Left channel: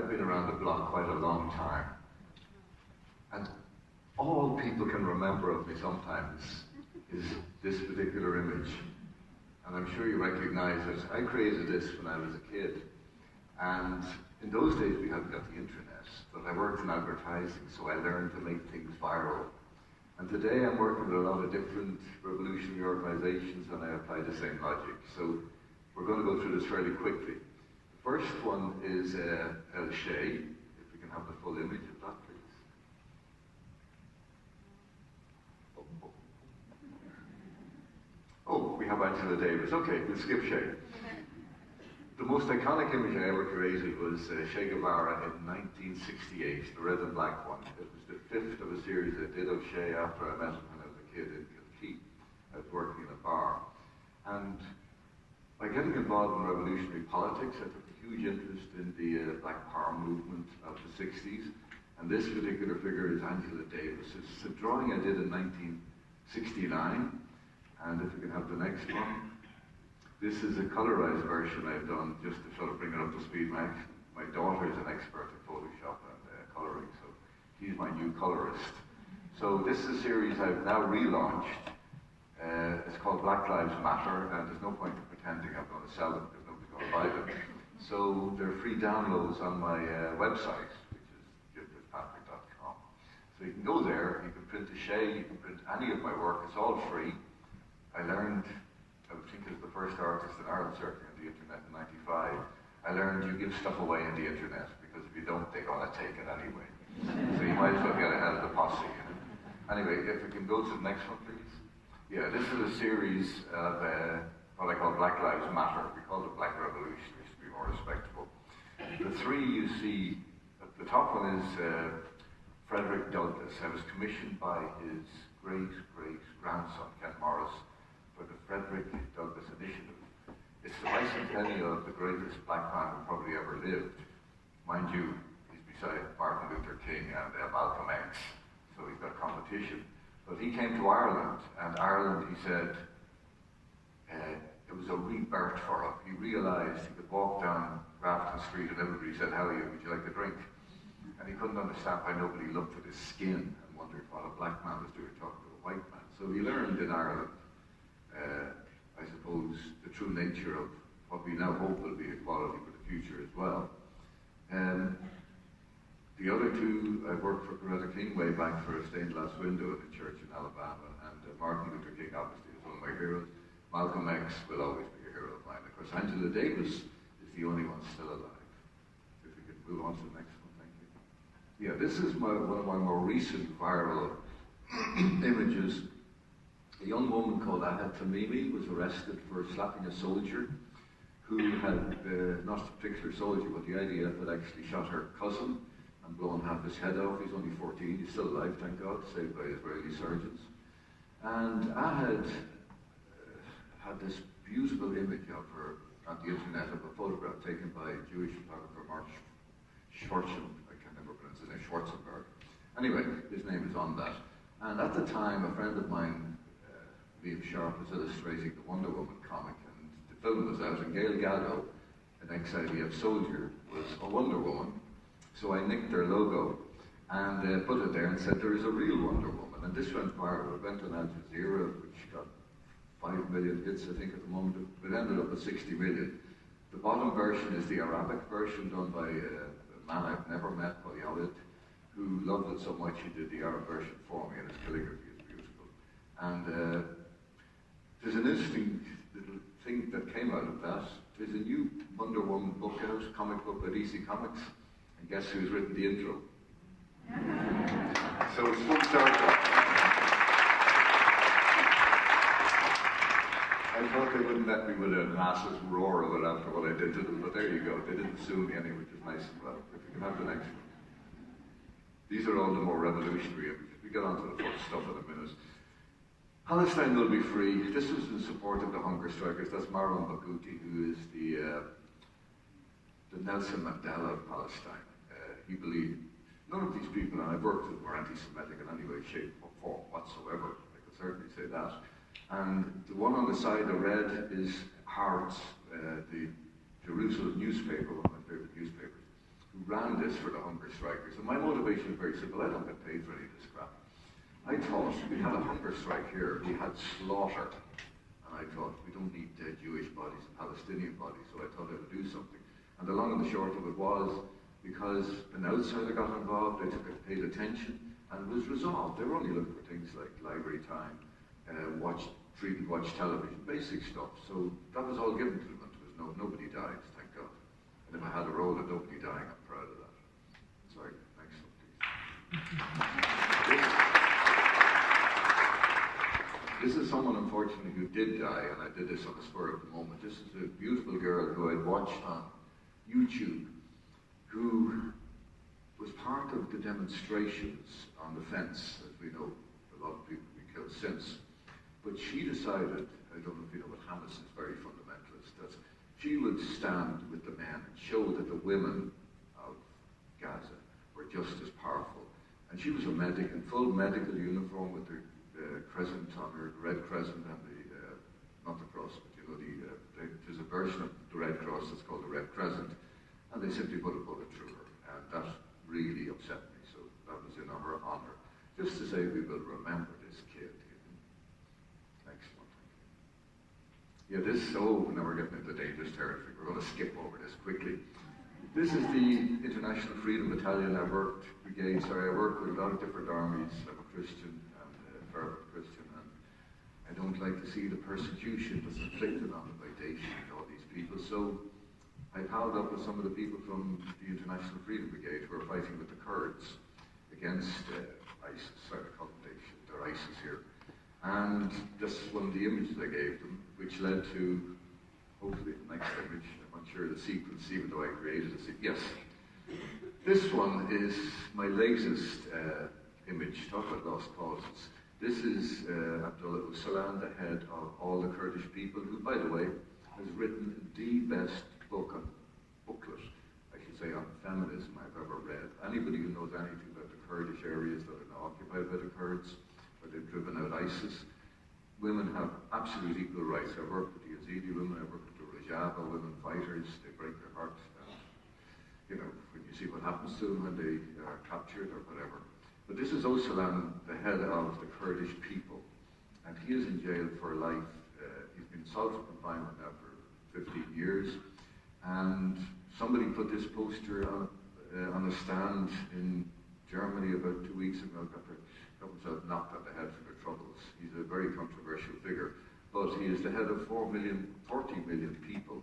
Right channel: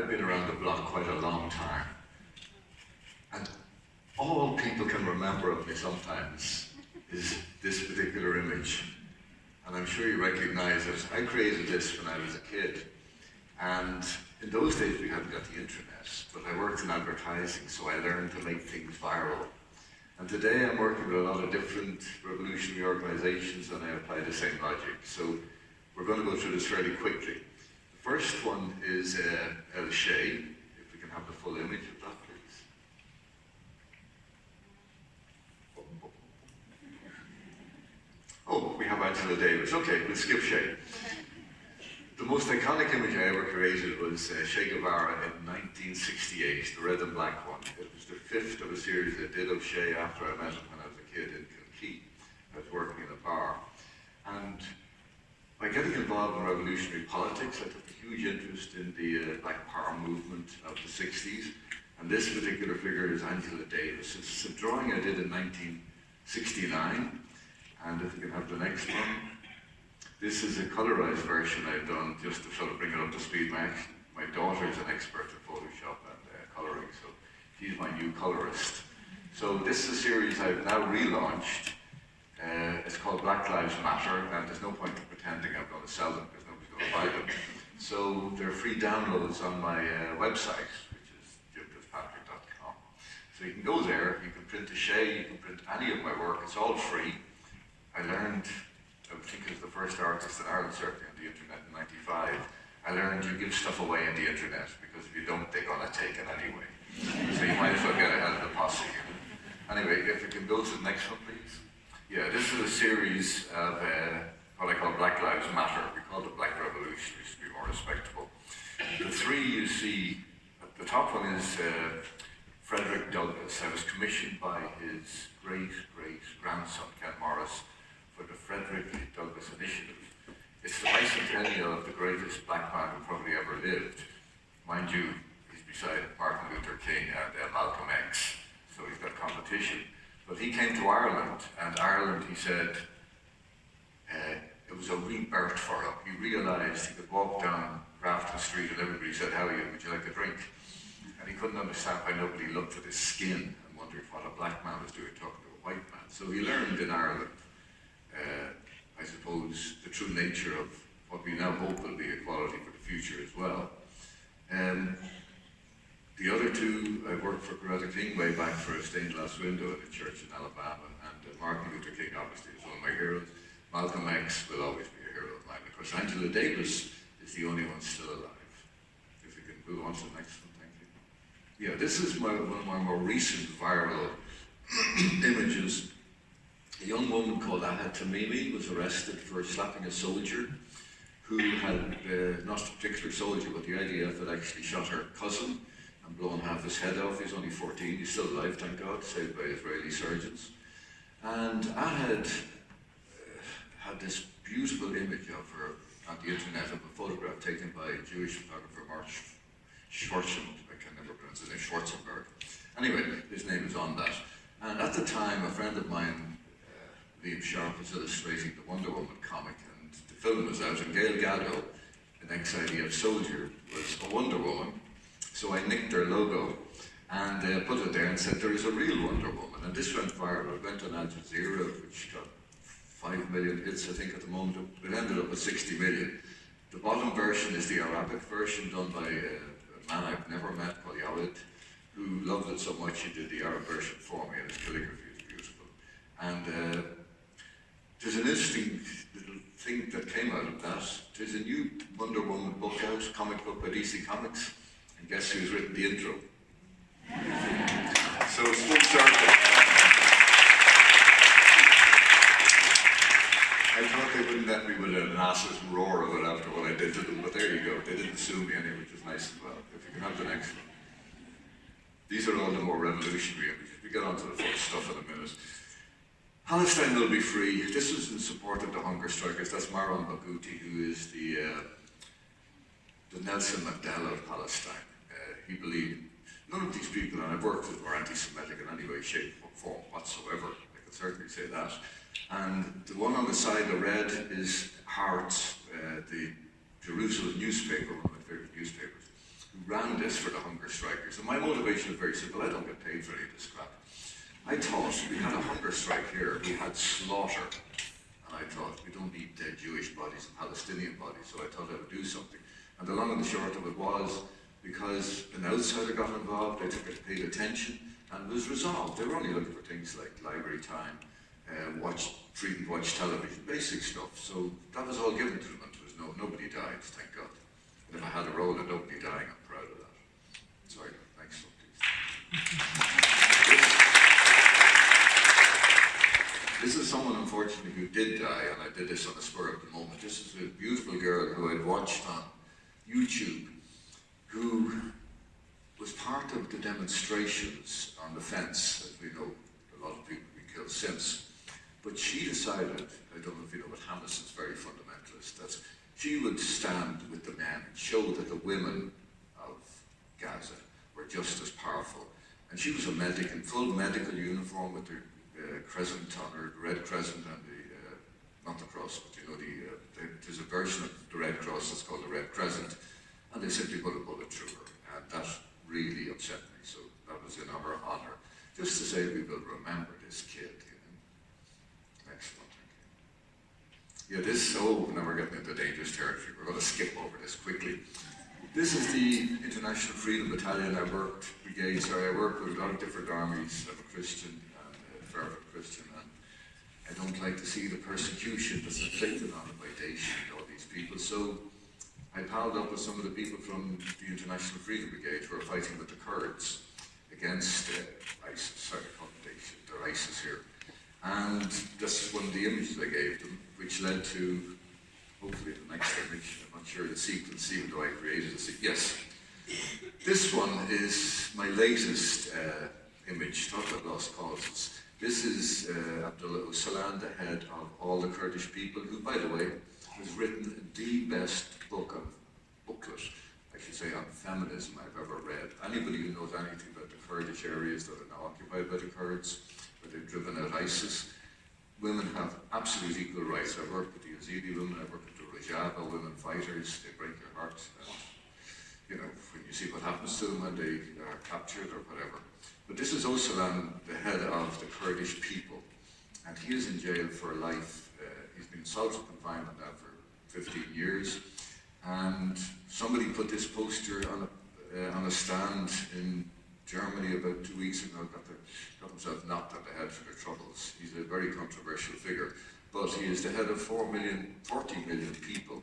I've been around the block quite a long time, and all people can remember of me sometimes is this particular image. And I'm sure you recognize it. I created this when I was a kid. And in those days we hadn't got the internet, but I worked in advertising, so I learned to make things viral. And today I'm working with a lot of different revolutionary organizations, and I apply the same logic. So we're going to go through this fairly quickly. The first one is El Che. If we can have the full image of that, please. Oh, we have Angela Davis. Okay, we'll skip Che. The most iconic image I ever created was Che Guevara in 1968, the red and black one. It was the fifth of a series I did of Che after I met him when I was a kid in Kilkee. I was working in a bar. And by getting involved in revolutionary politics, I took a huge interest in the Black Power movement of the 60s. And this particular figure is Angela Davis. It's a drawing I did in 1969. And if we can have the next one. This is a colorized version I've done just to sort of bring it up to speed. My daughter is an expert in Photoshop and coloring, so she's my new colorist. So this is a series I've now relaunched. It's called Black Lives Matter, and there's no point in pretending I'm going to sell them because nobody's going to buy them. So they're free downloads on my website, which is Fitzpatrick.com. So you can go there, you can print a Che, you can print any of my work, it's all free. I learned, I think as the first artist in Ireland, certainly on the internet in '95, I learned you give stuff away on the internet because if you don't, they're going to take it anyway. So you might as well get ahead of the posse. Anyway, if we can go to the next one, please. Yeah, this is a series of what I call Black Lives Matter. We call it the Black Revolutionaries to be more respectable. The three you see, the top one is Frederick Douglass. I was commissioned by his great-great-grandson, Ken Morris, for the Frederick Douglass Initiative. It's the bicentennial of the greatest black man who probably ever lived. Mind you, he's beside Martin Luther King and Malcolm X, so he's got competition. But he came to Ireland, and Ireland, he said, it was a rebirth for him. He realized he could walk down Grafton Street and everybody said, "How are you? Would you like a drink?" And he couldn't understand why nobody looked at his skin and wondered what a black man was doing talking to a white man. So he learned in Ireland, I suppose, the true nature of what we now hope will be equality for the future as well. The other two, I worked for Coretta King way back for a stained glass window at a church in Alabama, and Martin Luther King obviously is one of my heroes. Malcolm X will always be a hero of mine. Of course, Angela Davis is the only one still alive. If we can move on to the next one, thank you. Yeah, this is one of my more recent viral images. A young woman called Ahed Tamimi was arrested for slapping a soldier who had, not a particular soldier, but the IDF had actually shot her cousin and blown half his head off. He's only 14, he's still alive, thank God, saved by Israeli surgeons. And Ahed had this beautiful image of her on the internet of a photograph taken by a Jewish photographer, Mark Schwarzenberg. I can never pronounce his name, Schwarzenberg. Anyway, his name is on that. And at the time, a friend of mine, Liam Sharp, was illustrating the Wonder Woman comic, and the film was out, and Gail Gadot, an ex-IDF soldier, was a Wonder Woman. So I nicked their logo and put it there and said, "There is a real Wonder Woman." And this went viral. It went on Al Jazeera, which got 5 million hits, I think, at the moment. It ended up with 60 million. The bottom version is the Arabic version done by a man I've never met called Yawid, who loved it so much he did the Arab version for me, and his calligraphy is beautiful. And there's an interesting little thing that came out of that. There's a new Wonder Woman book out, comic book by DC Comics, and guess who's written the intro? So it's full circle. I thought they wouldn't let me with an ass's roar of it after what I did to them, but there you go. They didn't sue me anyway, which is nice as well. If you can have the next one. These are all the more revolutionary images. We get on to the fun stuff in a minute. Palestine will be free. This was in support of the hunger strikers. That's Marwan Barghouti, who is the Nelson Mandela of Palestine. He believed none of these people, and I've worked with them, are anti-Semitic in any way, shape, or form whatsoever. I could certainly say that. And the one on the side, the red, is Haaretz, the Jerusalem newspaper, one of my favorite newspapers, who ran this for the hunger strikers. And my motivation was very simple. I don't get paid for any of this crap. I thought we had a hunger strike here, we had slaughter. And I thought we don't need dead Jewish bodies and Palestinian bodies, so I thought I would do something. And the long and the short of it was, because an outsider got involved, they took it, paid attention, and it was resolved. They were only looking for things like library time, freedom to watch television, basic stuff. So that was all given to them, and there was nobody died, thank God. And if I had a role of nobody dying, I'm proud of that. Sorry, next one, please. This is someone, unfortunately, who did die, and I did this on the spur of the moment. This is a beautiful girl who I'd watched on YouTube, who was part of the demonstrations on the fence. As we know, a lot of people have been killed since. But she decided, I don't know if you know, but Hamas is very fundamentalist, that she would stand with the men and show that the women of Gaza were just as powerful. And she was a medic in full medical uniform with her crescent on her, red crescent and the, not the cross, but you know, there's a version of the Red Cross that's called the Red Crescent, and they simply put a bullet through her, and that really upset me, so that was in her honour. Just to say we will remember this kid, you know. Next one, thank you. Yeah, this, now we're getting into dangerous territory, we're going to skip over this quickly. This is the International Freedom Battalion I worked with a lot of different armies. I'm a Christian, fervent Christian, and I don't like to see the persecution that's inflicted on it by Daesh and all these people. So I palled up with some of the people from the International Freedom Brigade who are fighting with the Kurds against ISIS. Sorry, I call them Daesh, they're ISIS here. And this is one of the images I gave them, which led to, hopefully, the next image. I'm not sure the sequence, even though I created it. Yes. This one is my latest image, talk about lost causes. This is Abdullah Öcalan, the head of all the Kurdish people, who, by the way, has written the best booklet, I should say, on feminism I've ever read. Anybody who knows anything about the Kurdish areas that are now occupied by the Kurds, where they've driven out ISIS, women have absolute equal rights. I've worked with the Yazidi women, I've worked with the Rojava women fighters, they break their hearts. And, you know, when you see what happens to them when they are captured or whatever. But this is Öcalan, the head of the Kurdish people, and he is in jail for life. He's been solitary confinement now for 15 years, and somebody put this poster on a stand in Germany about 2 weeks ago, got himself knocked on the head for their troubles. He's a very controversial figure, but he is the head of 40 million people,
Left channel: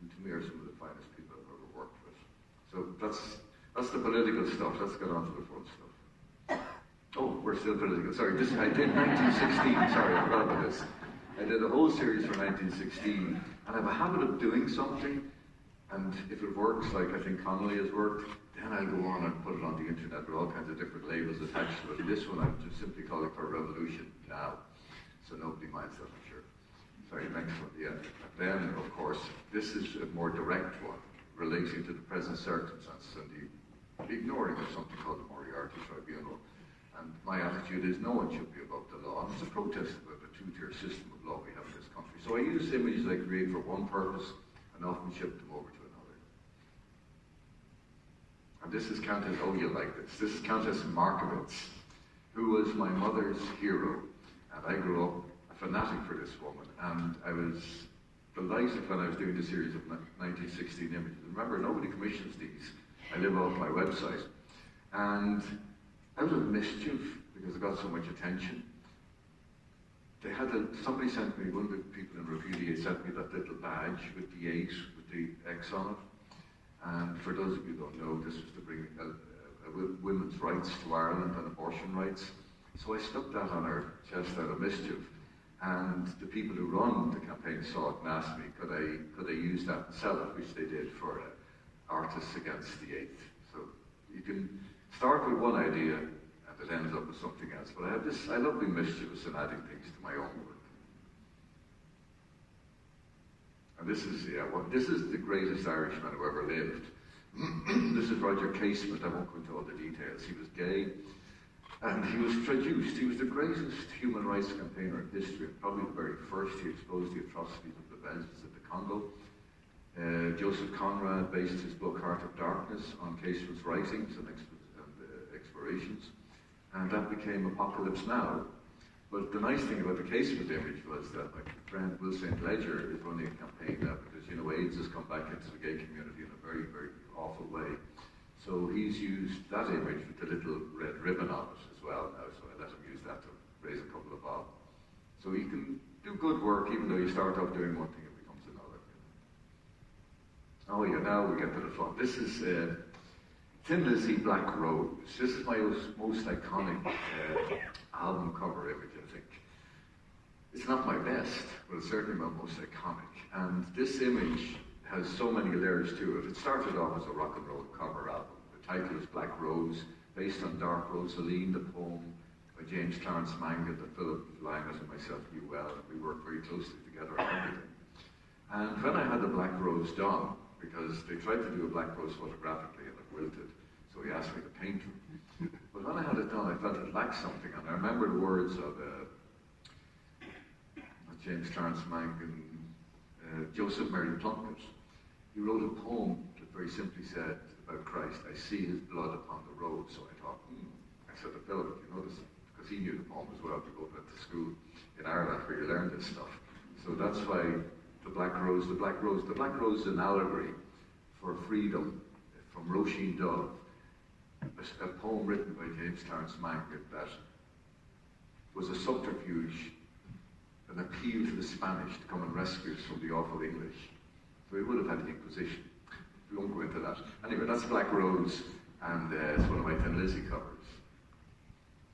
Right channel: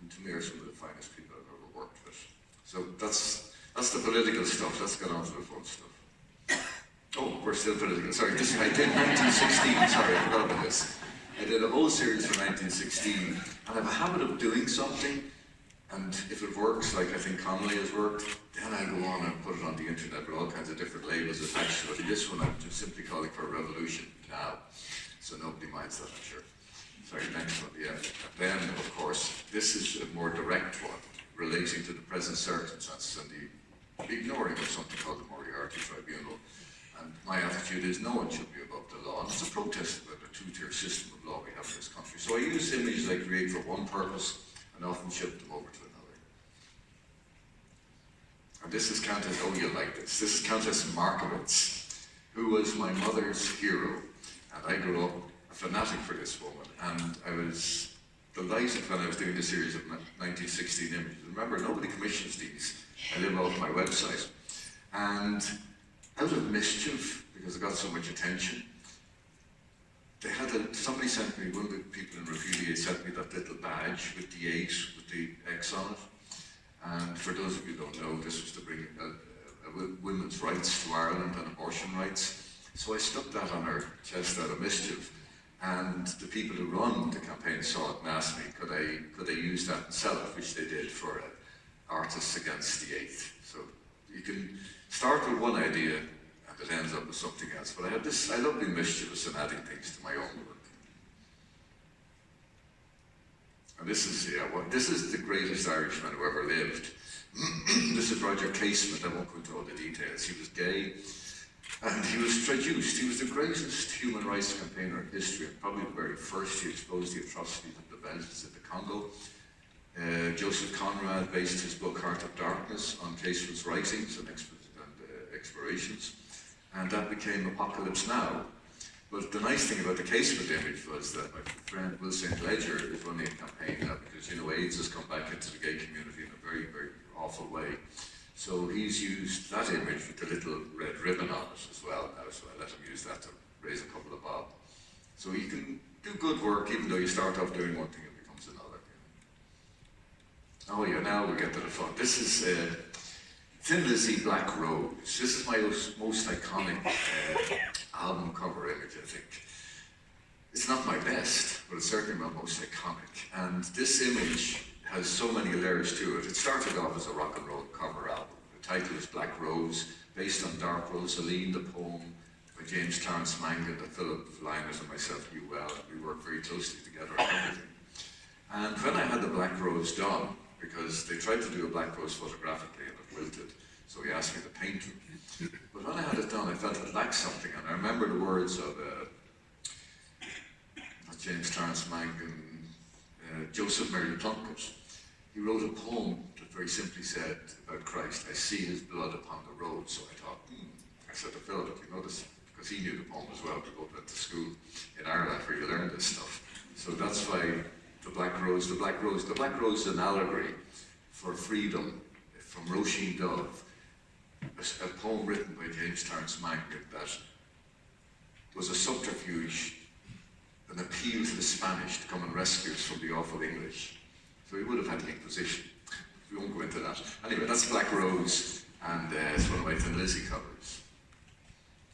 and to me are some of the finest people I've ever worked with. So that's the political stuff. Let's get on to the fun stuff. Oh, we're still political. Sorry, I did 1916. Sorry, I forgot about this. I did a whole series for 1916, and I have a habit of doing something, and if it works, like I think Connolly has worked, then I go on and put it on the internet with all kinds of different labels attached to it. This one, I'm just simply calling for revolution now, so nobody minds that, I'm sure. Sorry, next one, yeah. Then, of course, this is a more direct one, relating to the present circumstances and the ignoring of something called the Moriarty Tribunal. And my attitude is no one should be above the law, and it's a protest about the two-tier system of law we have in this country. So I use images I create for one purpose and often ship them over to another. And this is Countess, oh you like this, this is Countess Markowitz, who was my mother's hero. And I grew up a fanatic for this woman, and I was delighted when I was doing the series of 1916 images. And remember, nobody commissions these. I live off my website. And out of mischief, because it got so much attention, somebody sent me, one of the people in Refugiate sent me that little badge with the 8, with the X on it. And for those of you who don't know, this was to bring women's rights to Ireland and abortion rights. So I stuck that on her chest out of mischief. And the people who run the campaign saw it and asked me, could I use that and sell it, which they did for Artists Against the 8th. So you can start with one idea and it ends up with something else. But I love being mischievous and adding things to my own work. And this is the greatest Irishman who ever lived. This is Roger Casement. I won't go into all the details. He was gay and he was traduced. He was the greatest human rights campaigner in history, and probably the very first. He exposed the atrocities of the Belgians in the Congo. Joseph Conrad based his book Heart of Darkness on Casement's writings and explorations, and that became Apocalypse Now. But the nice thing about the Casement image was that my friend Will St. Ledger is running a campaign now because, you know, AIDS has come back into the gay community in a very, very awful way. So he's used that image with the little red ribbon on it as well now, so I let him use that to raise a couple of bob. So you can do good work even though you start off doing one thing and it becomes another. You know? Oh yeah, now we get to the fun. This is Thin Lizzy, Black Rose. This is my most iconic album cover image, I think. It's not my best, but it's certainly my most iconic. And this image has so many layers to it. It started off as a rock and roll cover album. The title is Black Rose, based on Dark Rosaline, the poem by James Clarence Mangan that Philip Linus and myself knew well. We worked very closely together on everything. And when I had the Black Rose done, because they tried to do a Black Rose photographically and it wilted, so he asked me to paint it. But when I had it done, I felt it lacked something, and I remember the words of James Clarence Mangan, Joseph Mary Plunkett. He wrote a poem that very simply said about Christ, I see his blood upon the road. So I thought, I said to Philip, you know this, because he knew the poem as well, we both went to school in Ireland where you learn this stuff. So that's why the Black Rose, the Black Rose is an allegory for freedom from Roisin Dove, a poem written by James Clarence Mangan that was a subterfuge, an appeal to the Spanish to come and rescue us from the awful English. So we would have had the Inquisition. We won't go into that. Anyway, that's Black Rose, and it's one of my Thin Lizzy covers.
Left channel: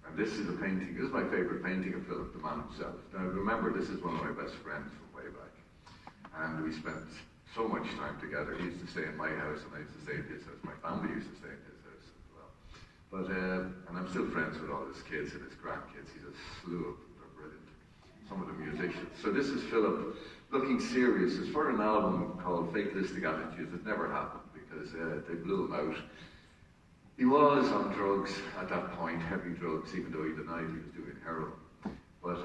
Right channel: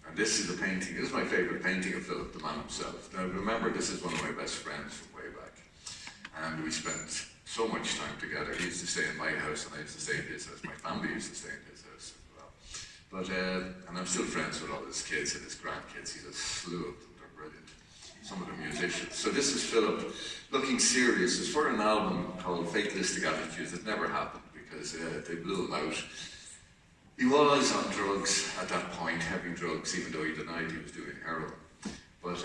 And this is a painting, this is my favourite painting of Philip, the man himself. Now remember, this is one of my best friends from way back. And we spent so much time together. He used to stay in my house and I used to stay in his house. My family used to stay in his house as well. But, and I'm still friends with all his kids and his grandkids. He's a slew of them, they're brilliant. Some of the musicians. So this is Philip looking serious. It's for an album called Fatalistic Attitudes. It never happened because they blew him out. He was on drugs at that point, heavy drugs, even though he denied he was doing heroin. But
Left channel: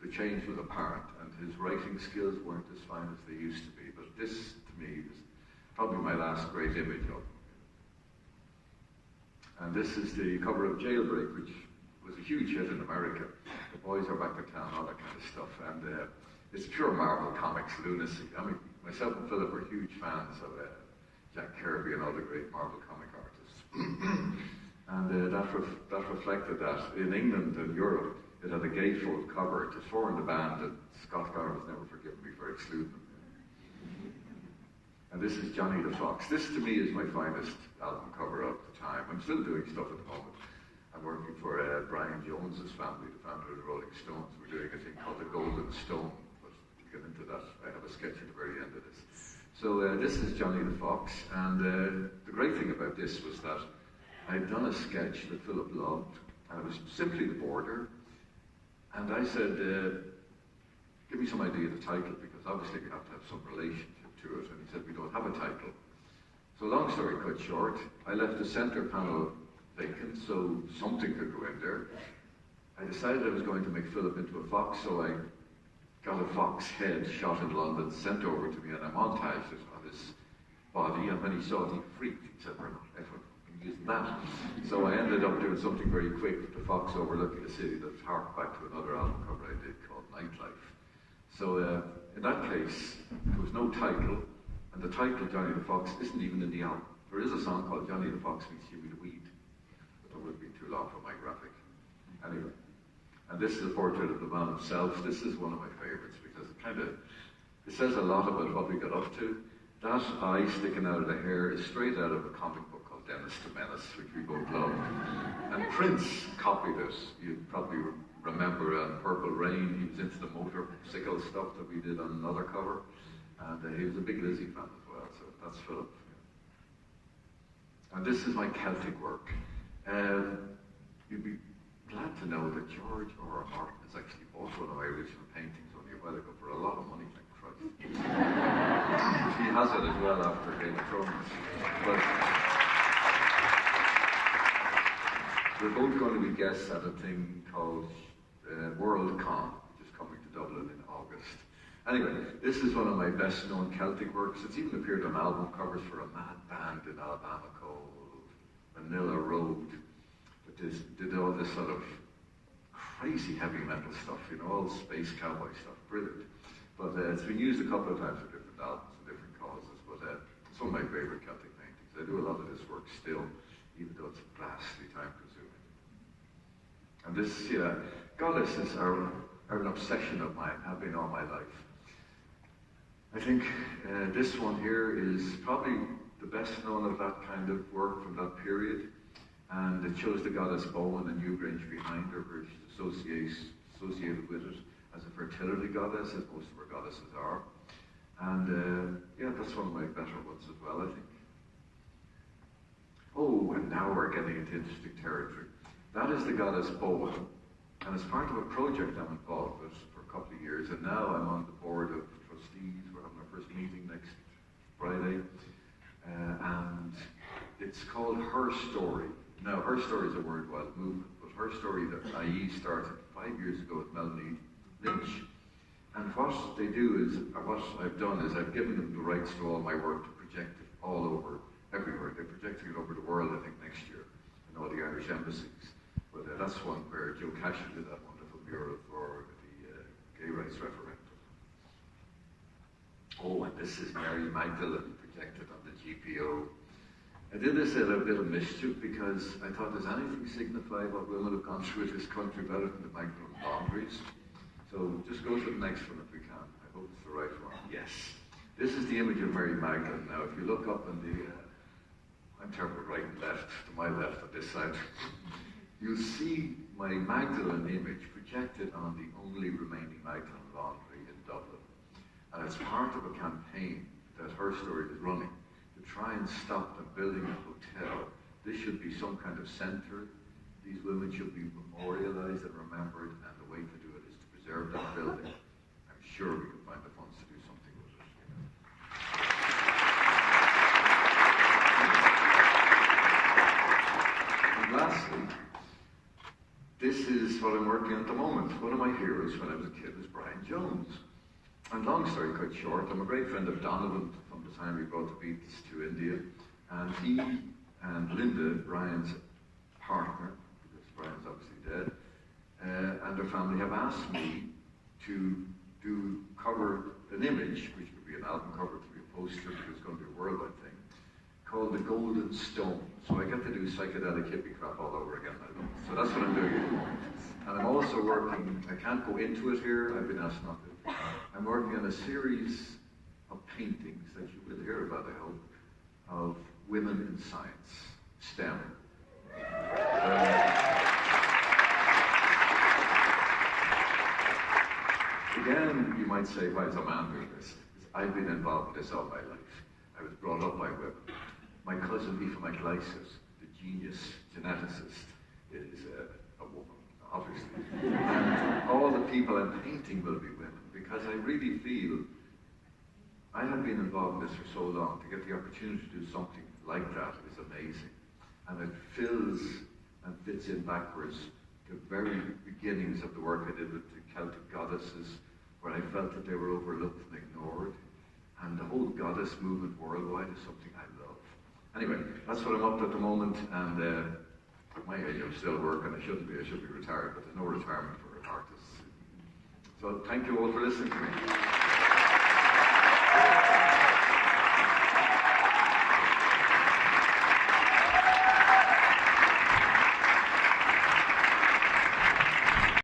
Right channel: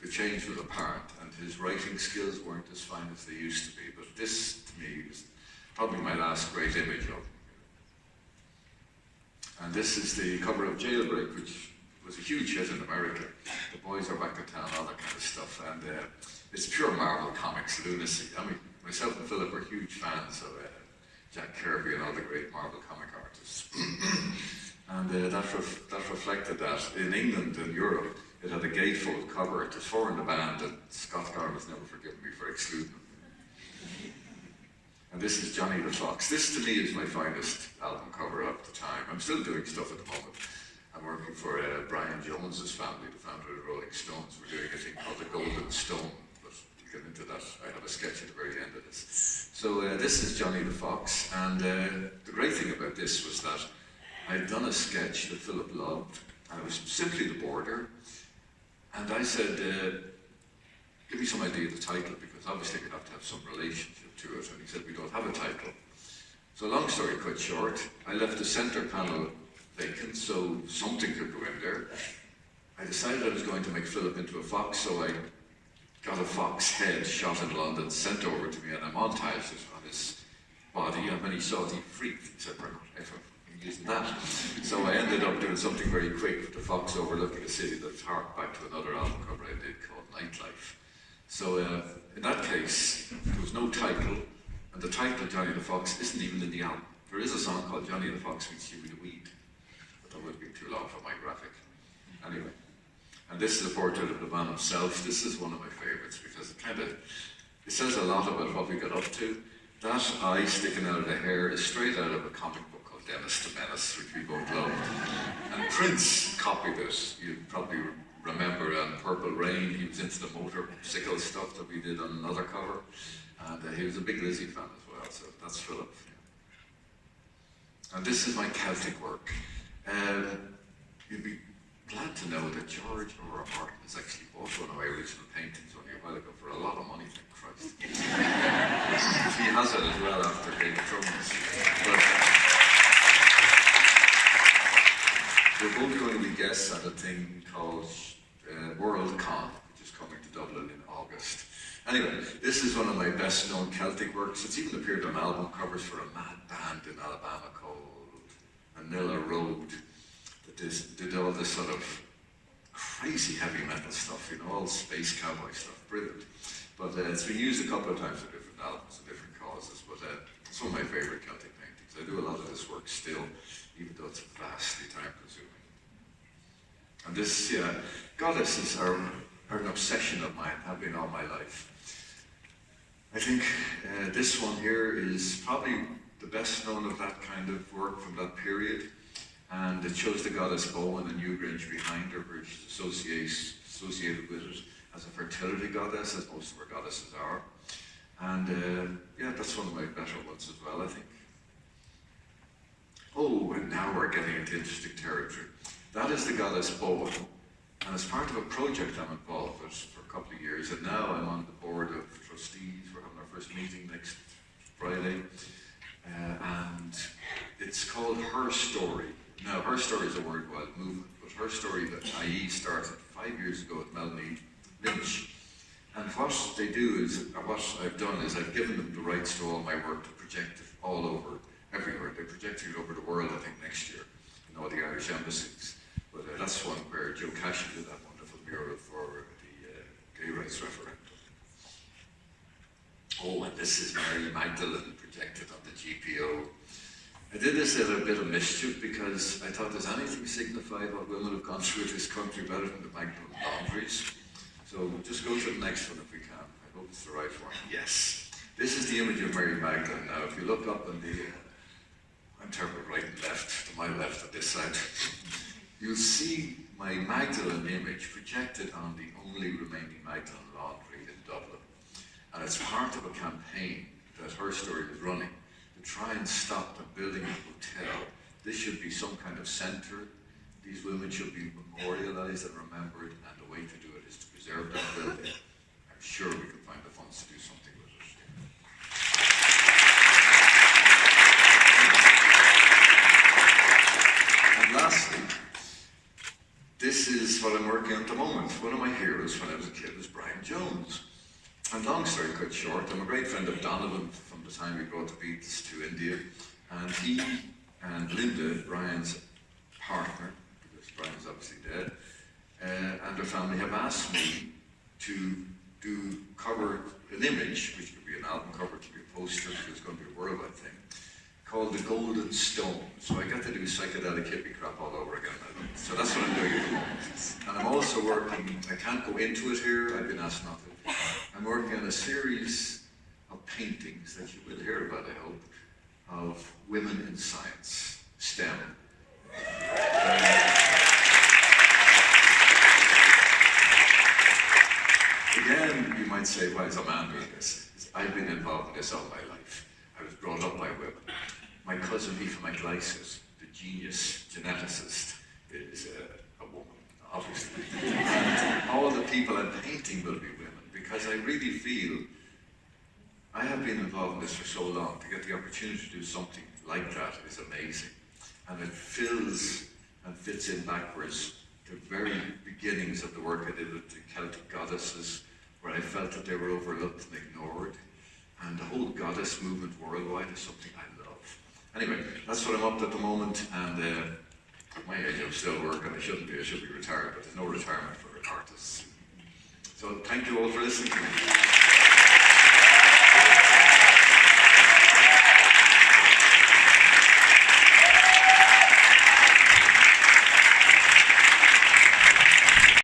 the change was apparent, and his writing skills weren't as fine as they used to be. But this, to me, was probably my last great image of him. And this is the cover of Jailbreak, which was a huge hit in America. The boys are back in town, all that kind of stuff. And it's pure Marvel Comics lunacy. I mean, myself and Philip are huge fans of Jack Kirby and all the great Marvel comic artists. And that reflected that. In England and Europe, it had a gatefold cover. It was four in the band, and Scott Garrett's never forgiven me for excluding them. And this is Johnny the Fox. This, to me, is my finest album cover of the time. I'm still doing stuff at the moment. I'm working for Brian Jones's family, the founder of the Rolling Stones. We're doing a thing called The Golden Stone, but we'll get into that. I have a sketch at the very end of this. So this is Johnny the Fox, and the great thing about this was that I'd done a sketch that Philip loved, and it was simply The Border. And I said, give me some idea of the title, because obviously we have to have some relationship to it. And he said, we don't have a title. So long story cut short, I left the center panel vacant, so something could go in there. I decided I was going to make Philip into a fox, so I got a fox head shot in London, sent over to me, and I montaged it on his body. And when he saw it, he freaked. He said, we're not ever using that. So I ended up doing something very quick with the fox overlooking a city that harked back to another album cover I did called Nightlife. So in that case, there was no title, and the title Johnny the Fox isn't even in the album. There is a song called Johnny the Fox Meets Huey the Weed, but that would be too long for my graphic. Anyway, and this is a portrait of the man himself. This is one of my favorites because it says a lot about what we got up to. That eye sticking out of the hair is straight out of a comic book called Dennis the Menace, which we both loved. And Prince copied it. You probably remember on Purple Rain, he was into the motorcycle stuff that we did on another cover. And he was a big Lizzy fan as well, so that's Philip. Yeah. And this is my Celtic work. You'd be glad to know that George R. R. Martin has actually bought one of my original paintings only a while ago for a lot of money, thank Christ. He has it as well after Game of Thrones. But we're both going to be guests at a thing called WorldCon, which is coming to Dublin in August. Anyway, this is one of my best known Celtic works. It's even appeared on album covers for a mad band in Alabama called Manila Road that did all this sort of crazy heavy metal stuff, you know, all space cowboy stuff, brilliant. But it's been used a couple of times for different albums and different causes, but it's one of my favourite Celtic paintings. I do a lot of this work still, even though it's vastly time consuming. And this, goddesses are an obsession of mine, have been all my life. I think this one here is probably the best known of that kind of work from that period. And it shows the goddess Bowen and Newgrange behind her, where she's associated with it as a fertility goddess, as most of our goddesses are. And yeah, that's one of my better ones as well, I think. Oh, and now we're getting into interesting territory. That is the goddess Bowen, and as part of a project I'm involved with for a couple of years, and now I'm on the board of trustees. We're having our first meeting next Friday, and it's called Her Story. Now, Her Story is a worldwide movement, but Her Story that IE started 5 years ago with Melanie Lynch. And what they do is, what I've done is I've given them the rights to all my work to project it all over, everywhere. They're projecting it over the world, I think, next year in all the Irish embassies. But that's one where Joe Cashin did that wonderful mural for the gay rights referendum. Oh, and this is Mary Magdalene projected on the GPO. I did this as a bit of mischief because I thought, does anything signify what women have gone through in this country better than the Magdalene laundries? So just go to the next one if we can. I hope it's the right one. Yes. This is the image of Mary Magdalene. Now, if you look up on the, I'm terrible right and left, to my left on this side, you'll see my Magdalene image projected on the only remaining Magdalene laundry in Dublin. And it's part of a campaign that Her Story is running to try and stop them building a hotel. This should be some kind of centre. These women should be memorialised and remembered, and the way to do it is to preserve that building. I'm sure we can find the funds to do something with it. And lastly, this is what I'm working on at the moment. One of my heroes when I was a kid was Brian Jones. And long story cut short, I'm a great friend of Donovan from the time we brought the Beatles to India. And he and Linda, Brian's partner, because Brian's obviously dead, and their family have asked me to cover an image, which could be an album cover, it could be a poster, because it's going to be a worldwide thing, called The Golden Stone. So I got to do psychedelic hippie crap all over again. So that's what I'm doing at the moment. And I'm also working, I can't go into it here, I've been asked not to. I'm working on a series of paintings that you will hear about, I hope, of women in science, STEM. Again, you might say, why is a man doing this? I've been involved in this all my life. I was brought up by women. My cousin Aoife McGlysis, the genius geneticist, is a woman, obviously. And all the people I'm painting will be women, because I really feel I have been involved in this for so long. To get the opportunity to do something like that is amazing. And it fills and fits in backwards to the very beginnings of the work I did with the Celtic goddesses, where I felt that they were overlooked and ignored. And the whole goddess movement worldwide is something I love. Anyway, that's what I'm up to at the moment, and at my age I'm still working. I should be retired, but there's no retirement for artists. So thank you all for listening to me.